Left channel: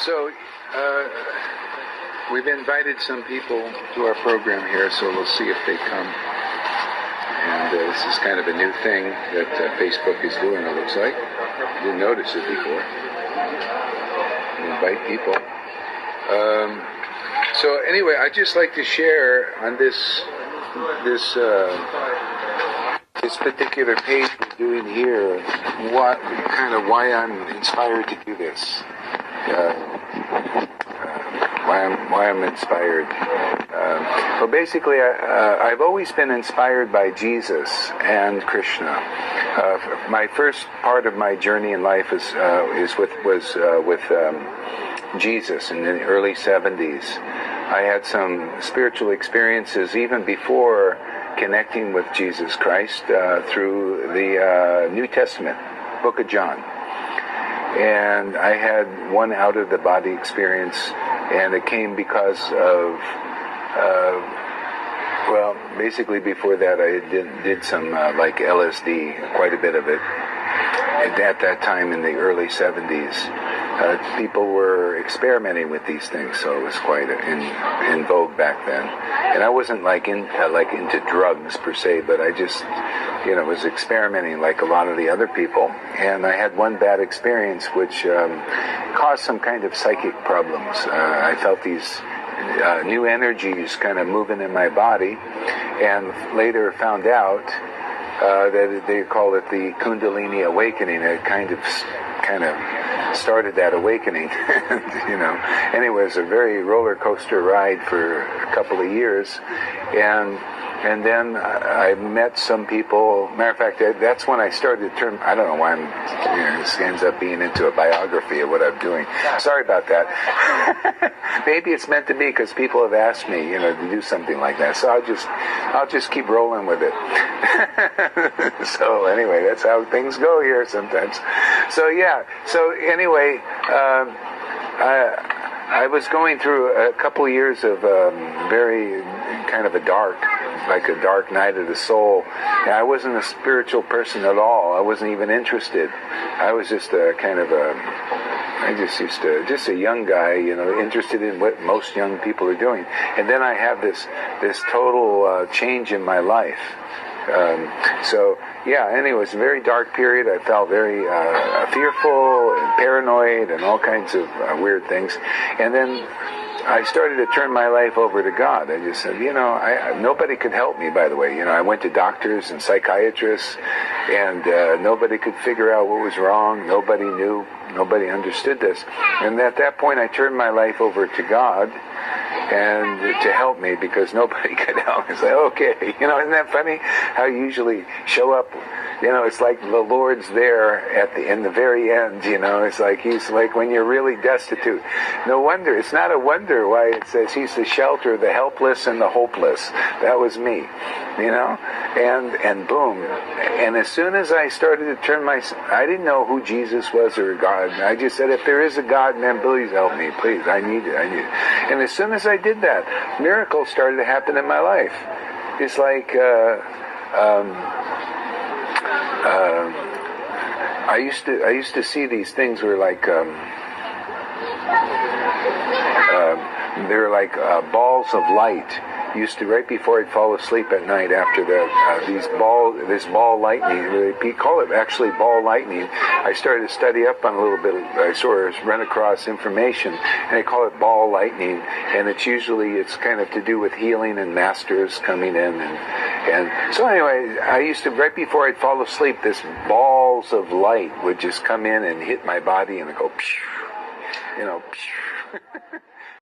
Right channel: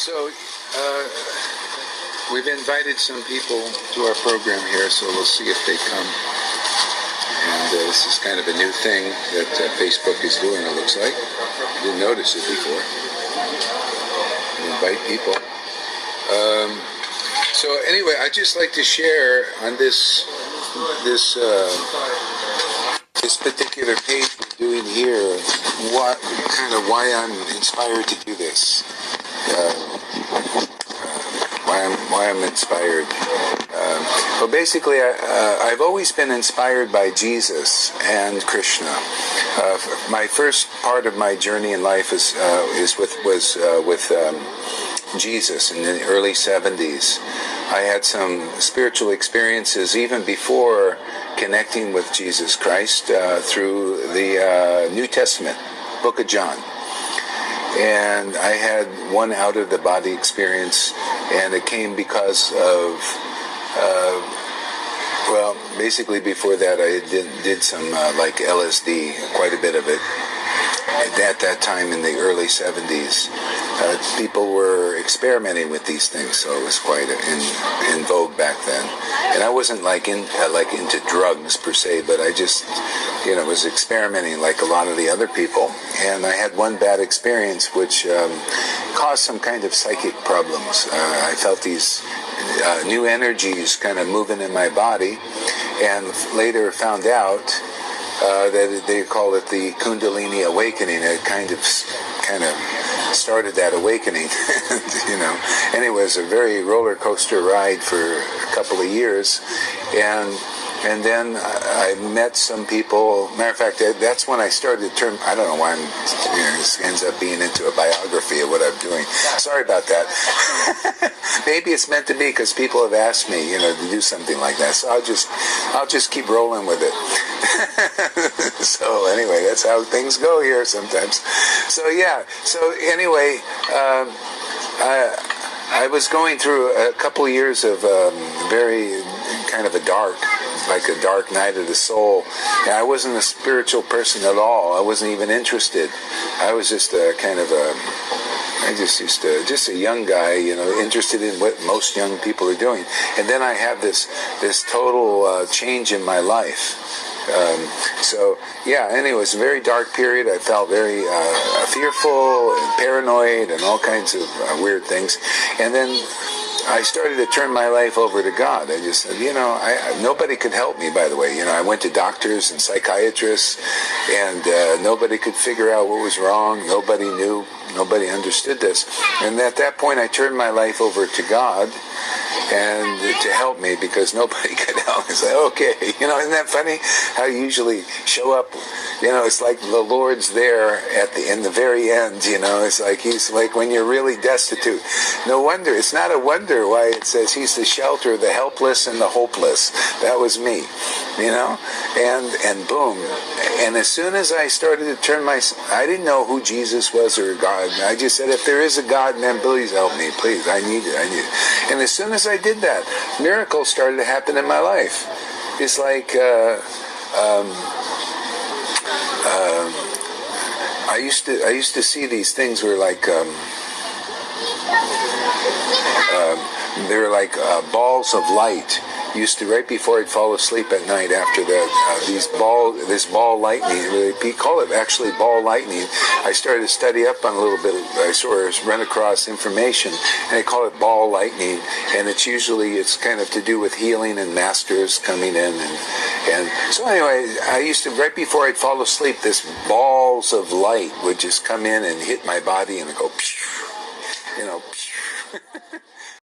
So, we've invited some people to our program here, so we'll see if they come. And this is kind of a new thing that Facebook is doing, it looks like. You'll notice it before. You invite people. So anyway, I'd just like to share on this particular page we're doing here, why I'm inspired to do this. Why I'm inspired. Well, basically, I've always been inspired by Jesus and Krishna. My first part of my journey in life was with Jesus in the early 70s. I had some spiritual experiences even before connecting with Jesus Christ through the New Testament, Book of John. And I had one out-of-the-body experience, and it came because of, basically before that I did some like LSD, quite a bit of it. At that time in the early 70s, people were experimenting with these things, so it was quite in vogue back then. And I wasn't into drugs per se, but I just, was experimenting like a lot of the other people. And I had one bad experience which caused some kind of psychic problems. I felt these new energies kind of moving in my body, and later found out that they call it the Kundalini awakening. It kind of started that awakening, Anyway, it was a very roller coaster ride for a couple of years, and then I met some people. Matter of fact, that's when I started to turn. I don't know why this ends up being into a biography of what I'm doing. Sorry about that. Maybe it's meant to be because people have asked me, to do something like that. So I'll just keep rolling with it. So anyway, that's how things go here sometimes. So yeah. So anyway, I was going through a couple of years of very kind of a dark night of the soul. And I wasn't a spiritual person at all. I wasn't even interested. I was just just a young guy, interested in what most young people are doing. And then I have this total change in my life. Anyway, it was a very dark period. I felt very fearful and paranoid and all kinds of weird things. And then I started to turn my life over to God. I just said, nobody could help me, by the way. I went to doctors and psychiatrists, and nobody could figure out what was wrong. Nobody knew. Nobody understood this. And at that point, I turned my life over to God and to help me, because nobody could help me. It's like, okay, isn't that funny? How you usually show up, it's like the Lord's there in the very end, it's like He's like when you're really destitute. No wonder, it's not a wonder why it says He's the shelter of the helpless and the hopeless. That was me, and boom. And as soon as I started to turn I didn't know who Jesus was or God. I just said, if there is a God, then please help me, please. I need it. And as soon as I did that, miracles started to happen in my life. It's like I used to see these things where they were like balls of light. Used to, right before I'd fall asleep at night after that, this ball lightning, we call it actually ball lightning. I started to study up on a little bit, I sort of run across information, and they call it ball lightning, and it's kind of to do with healing and masters coming in, and so anyway, I used to, right before I'd fall asleep, this balls of light would just come in and hit my body and go,